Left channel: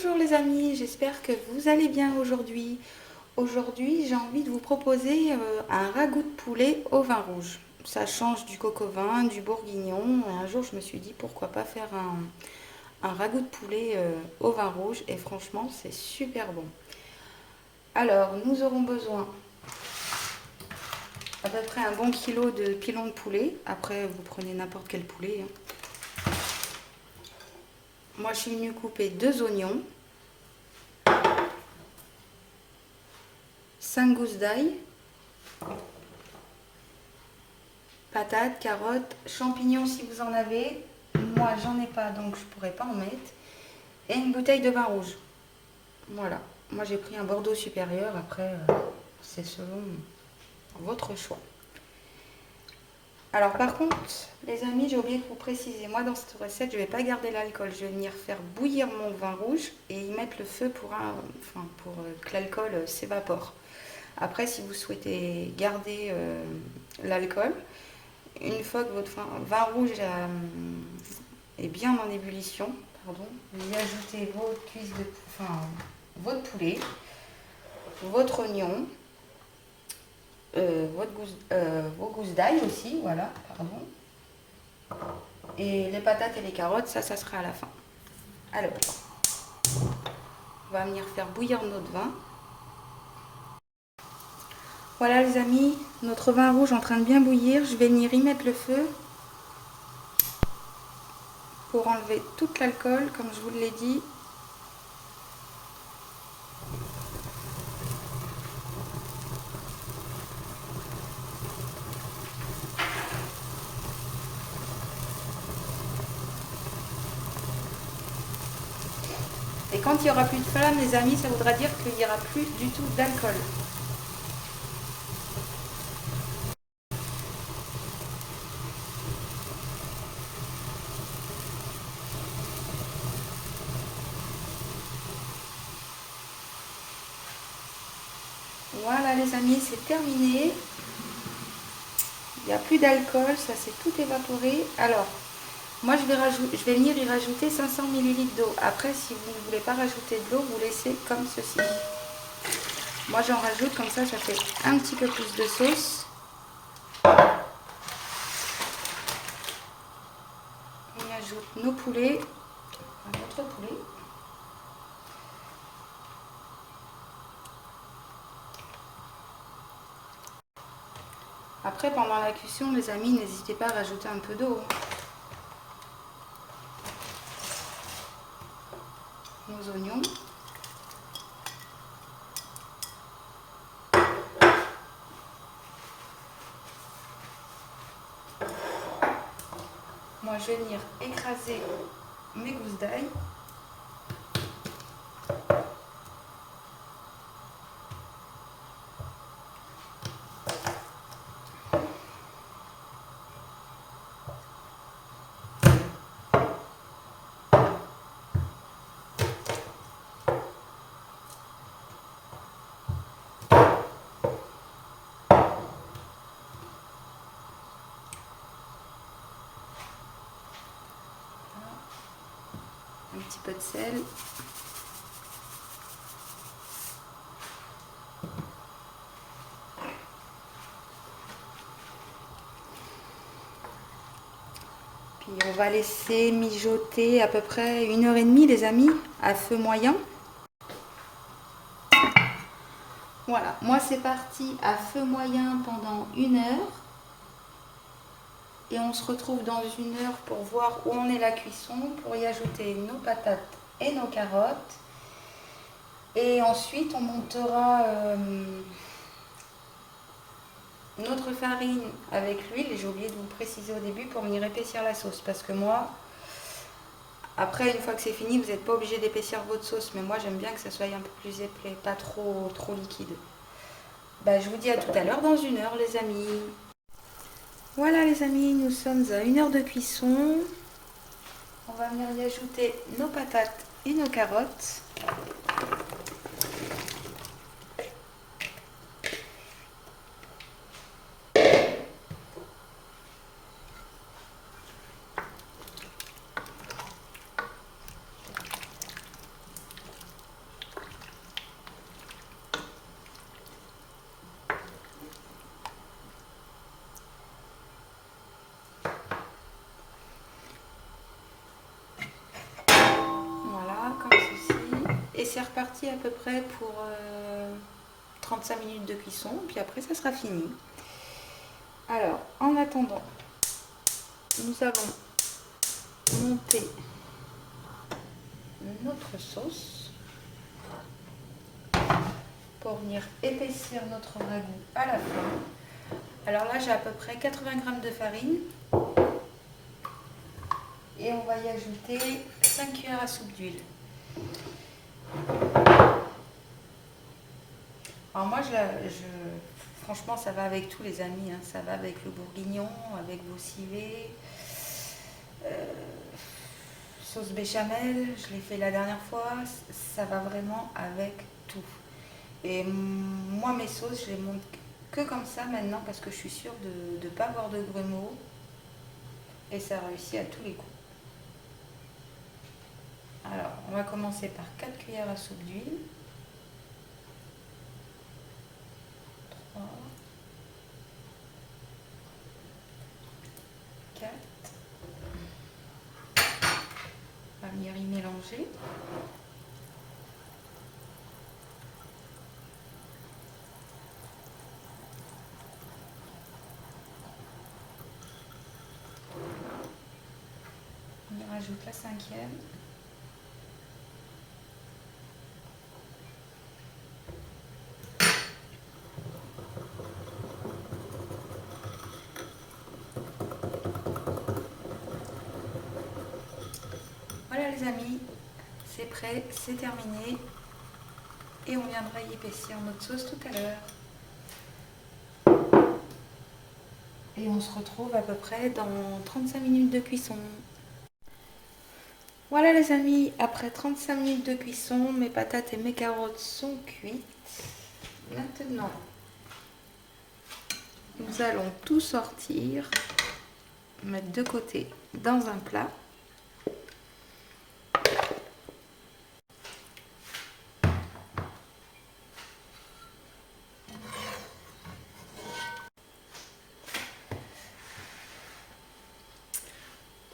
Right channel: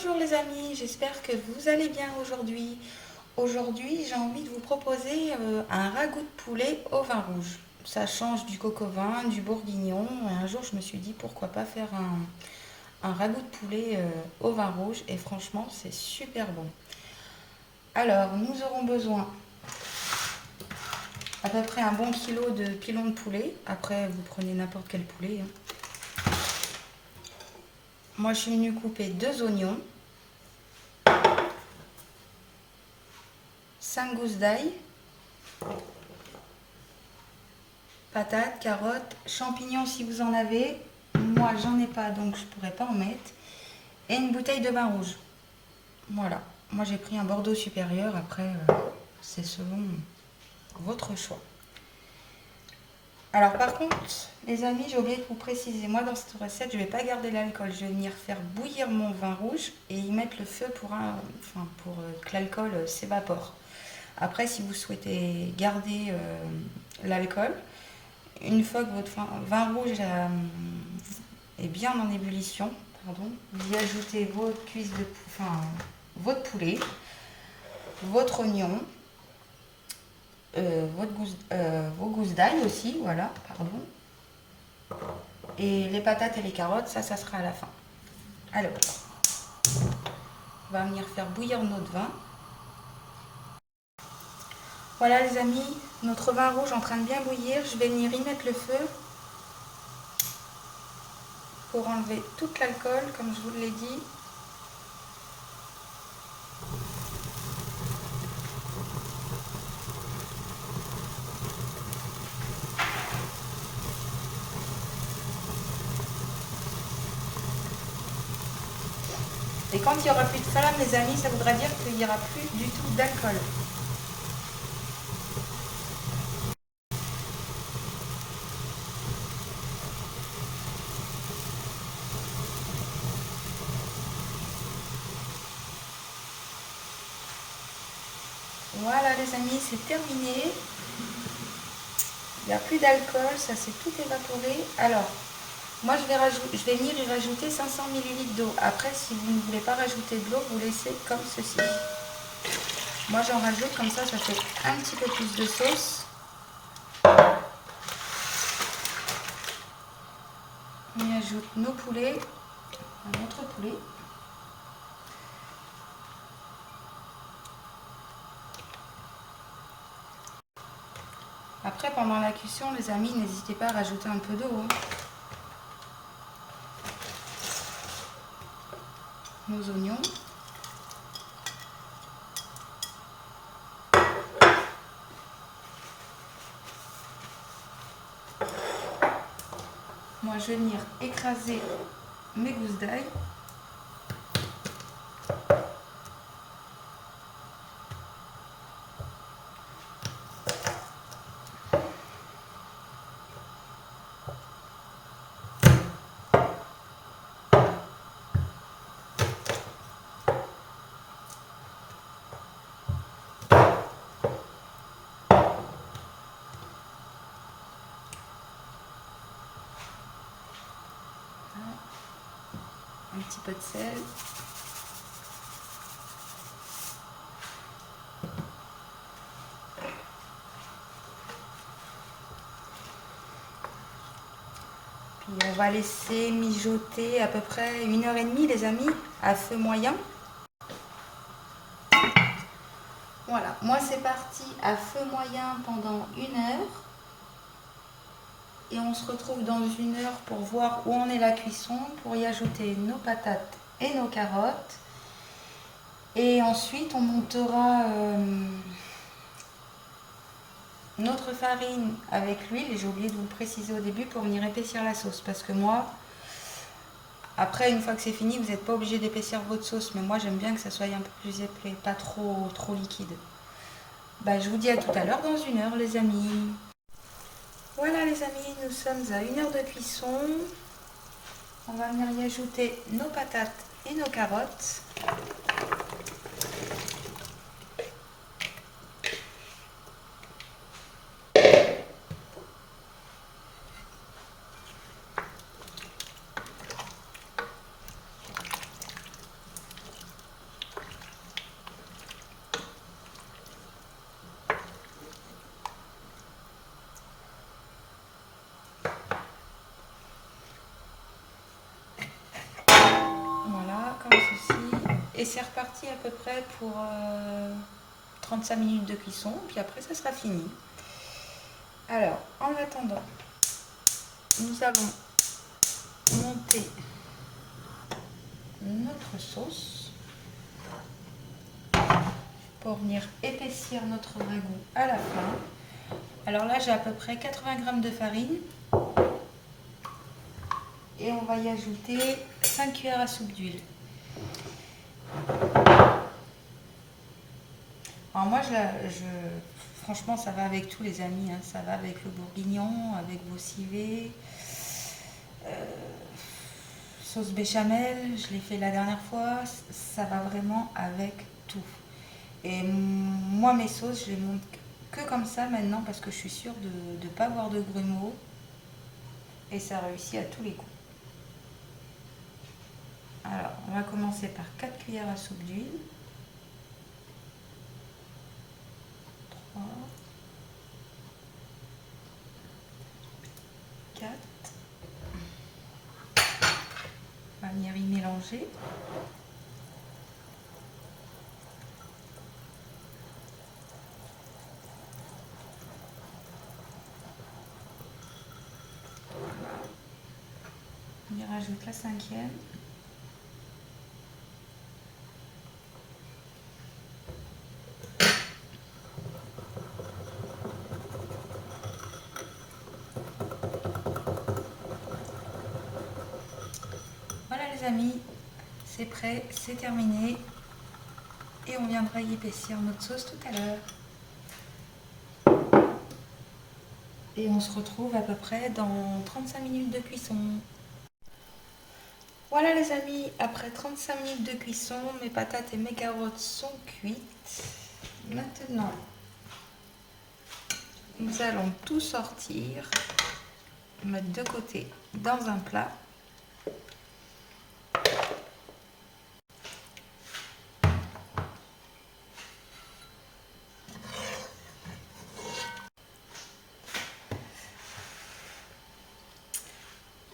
Bonjour les amis, j'espère que vous allez bien aujourd'hui. Aujourd'hui, j'ai envie de vous proposer un ragoût de poulet au vin rouge. Ça change du coq au vin, du bourguignon. Un jour, je me suis dit pourquoi pas faire un ragoût de poulet au vin rouge et franchement, c'est super bon. Alors, nous aurons besoin à peu près un bon kilo de pilon de poulet. Après, vous prenez n'importe quel poulet, hein. Moi, je suis venue couper 2 oignons, 5 gousses d'ail, patates, carottes, champignons si vous en avez. Moi, j'en ai pas, donc je pourrais pas en mettre. Et une bouteille de vin rouge. Voilà. Moi, j'ai pris un Bordeaux supérieur. Après, c'est selon votre choix. Alors, par contre, les amis, j'ai oublié de vous préciser. Moi, dans cette recette, je vais pas garder l'alcool. Je vais venir faire bouillir mon vin rouge et y mettre le feu pour que l'alcool s'évapore. Après, si vous souhaitez garder l'alcool, une fois que votre vin rouge est bien en ébullition, pardon, vous y ajoutez votre poulet, votre oignon, vos gousses d'ail aussi, voilà, pardon. Et les patates et les carottes, ça sera à la fin. Alors, on va venir faire bouillir notre vin. Voilà les amis, notre vin rouge est en train de bien bouillir. Je vais venir y mettre le feu pour enlever tout l'alcool, comme je vous l'ai dit. Et quand il n'y aura plus de flamme, les amis, ça voudra dire qu'il n'y aura plus du tout d'alcool. Voilà les amis, c'est terminé. Il n'y a plus d'alcool, ça s'est tout évaporé. Alors, moi je vais venir y rajouter 500 ml d'eau. Après, si vous ne voulez pas rajouter de l'eau, vous laissez comme ceci. Moi j'en rajoute, comme ça fait un petit peu plus de sauce. On y ajoute nos poulets, notre poulet. Après, pendant la cuisson, les amis, n'hésitez pas à rajouter un peu d'eau, hein. Nos oignons. Moi, je vais venir écraser mes gousses d'ail. Un petit peu de sel. Puis on va laisser mijoter à peu près 1h30 les amis, à feu moyen. Voilà, moi c'est parti à feu moyen pendant 1 heure. Et on se retrouve dans 1 heure pour voir où en est la cuisson, pour y ajouter nos patates et nos carottes. Et ensuite on montera notre farine avec l'huile. J'ai oublié de vous le préciser au début pour venir épaissir la sauce. Parce que moi, après une fois que c'est fini, vous n'êtes pas obligé d'épaissir votre sauce. Mais moi j'aime bien que ça soit un peu plus épais, pas trop liquide. Bah, je vous dis à tout à l'heure dans 1 heure les amis. Voilà les amis, nous sommes à 1 heure de cuisson. On va venir y ajouter nos patates et nos carottes. c'est reparti à peu près pour 35 minutes de cuisson, puis après ça sera fini. Alors, en attendant, nous allons monter notre sauce pour venir épaissir notre ragoût à la fin. Alors là, j'ai à peu près 80 g de farine et on va y ajouter 5 cuillères à soupe d'huile. Alors moi, franchement, ça va avec tous les amis, hein. Ça va avec le bourguignon, avec vos civets, sauce béchamel, je l'ai fait la dernière fois, ça va vraiment avec tout. Et moi, mes sauces, je les monte que comme ça maintenant parce que je suis sûre de ne pas avoir de grumeaux et ça réussit à tous les coups. Alors, on va commencer par 4 cuillères à soupe d'huile. 3, 4. On va venir y mélanger. On y rajoute la 5e. Voilà les amis, c'est prêt, c'est terminé. Et on viendra y épaissir notre sauce tout à l'heure. Et on se retrouve à peu près dans 35 minutes de cuisson. Voilà les amis, après 35 minutes de cuisson, mes patates et mes carottes sont cuites. Maintenant, nous allons tout sortir, mettre de côté dans un plat.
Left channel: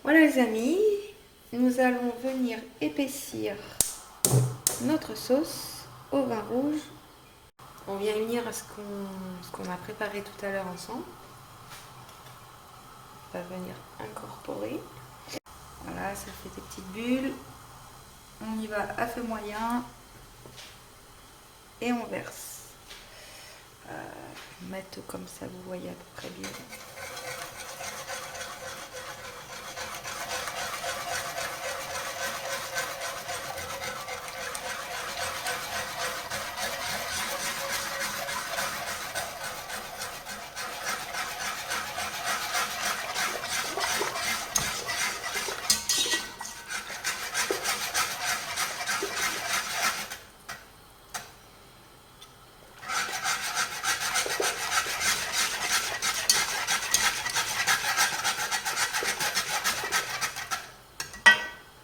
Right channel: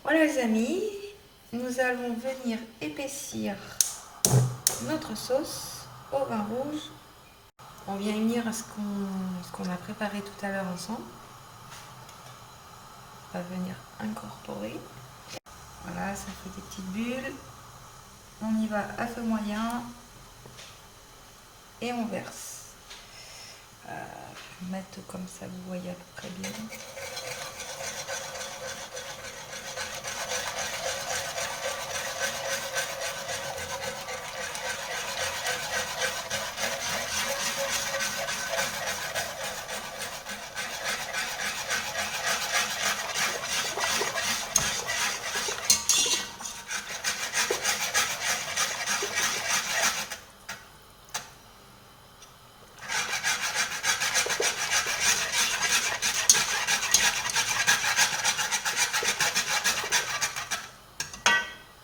Voilà les amis, nous allons venir épaissir notre sauce au vin rouge. On vient unir à ce qu'on a préparé tout à l'heure ensemble. On va venir incorporer. Voilà, ça fait des petites bulles. On y va à feu moyen et on verse. Mettre comme ça, vous voyez à peu près bien.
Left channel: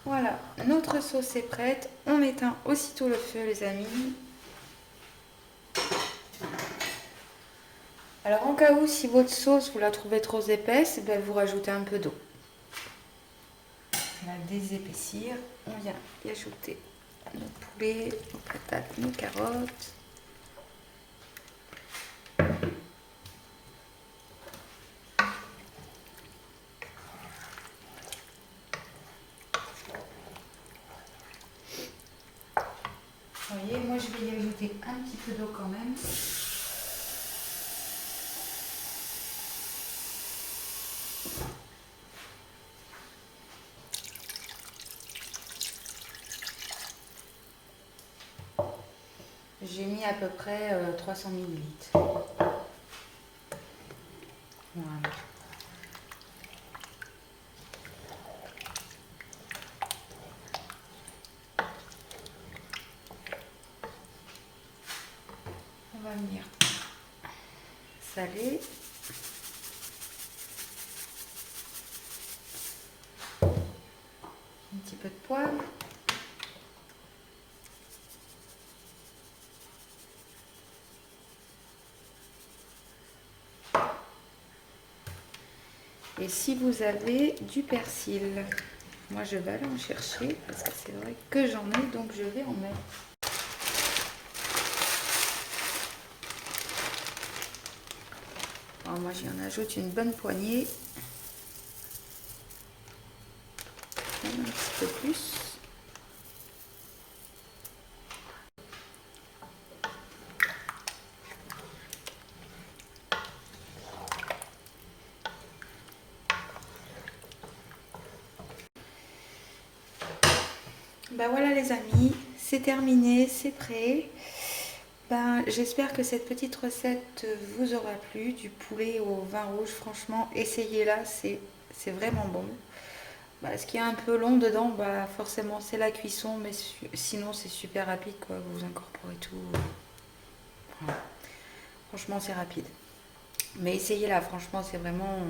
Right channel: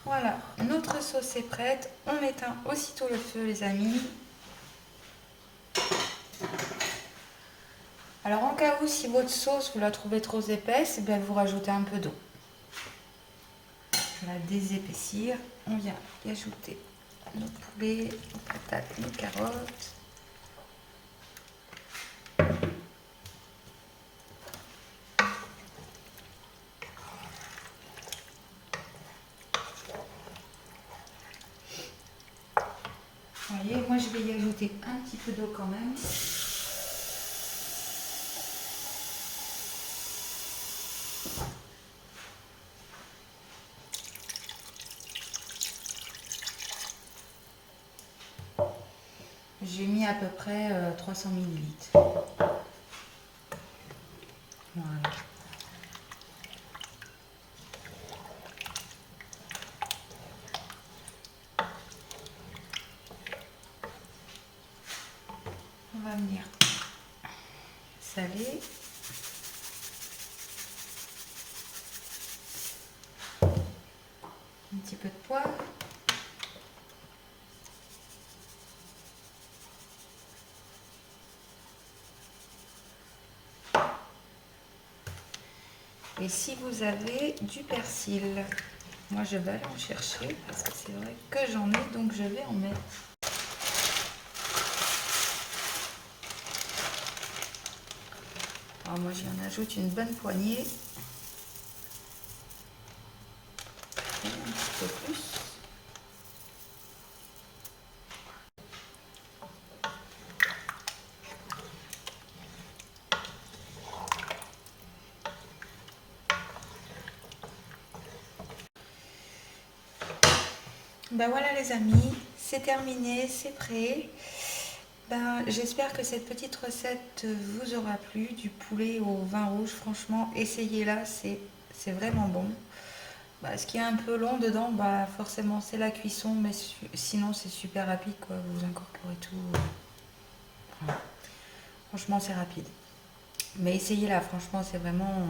Voilà, notre sauce est prête. On éteint aussitôt le feu, les amis. Alors, en cas où, si votre sauce, vous la trouvez trop épaisse, ben, vous rajoutez un peu d'eau. On va désépaissir. On vient y ajouter nos poulets, nos patates, nos carottes. Vous voyez, moi je vais y ajouter un petit peu d'eau quand même. J'ai mis à peu près 300 ml. Voilà. On va venir saler. Un petit peu de poivre. Et si vous avez du persil, moi je vais aller en chercher parce que c'est vrai que j'en ai, donc je vais en mettre. Alors moi j'en ajoute une bonne poignée. Un petit peu plus. Ben voilà les amis, c'est terminé, c'est prêt. Ben, j'espère que cette petite recette vous aura plu, du poulet au vin rouge. Franchement, essayez-la, c'est vraiment bon. Bah, ce qui est un peu long dedans, bah, forcément c'est la cuisson, mais sinon c'est super rapide, quoi. Vous incorporez tout. Voilà. Franchement, c'est rapide. Mais essayez-la, franchement, c'est vraiment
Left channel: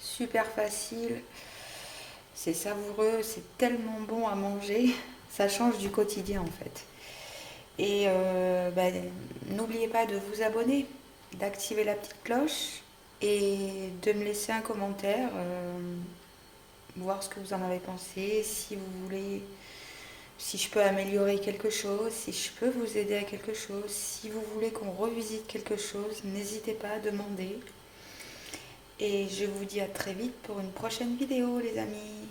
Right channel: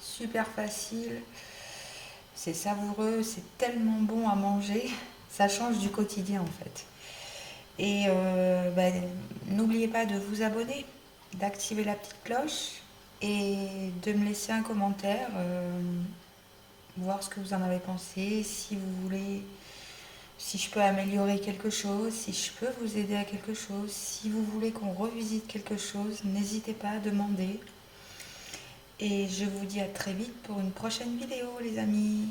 super facile. C'est savoureux, c'est tellement bon à manger. Ça change du quotidien en fait. Et bah, n'oubliez pas de vous abonner, d'activer la petite cloche et de me laisser un commentaire, voir ce que vous en avez pensé, si vous voulez, si je peux améliorer quelque chose, si je peux vous aider à quelque chose, si vous voulez qu'on revisite quelque chose, n'hésitez pas à demander. Et je vous dis à très vite pour une prochaine vidéo les amis.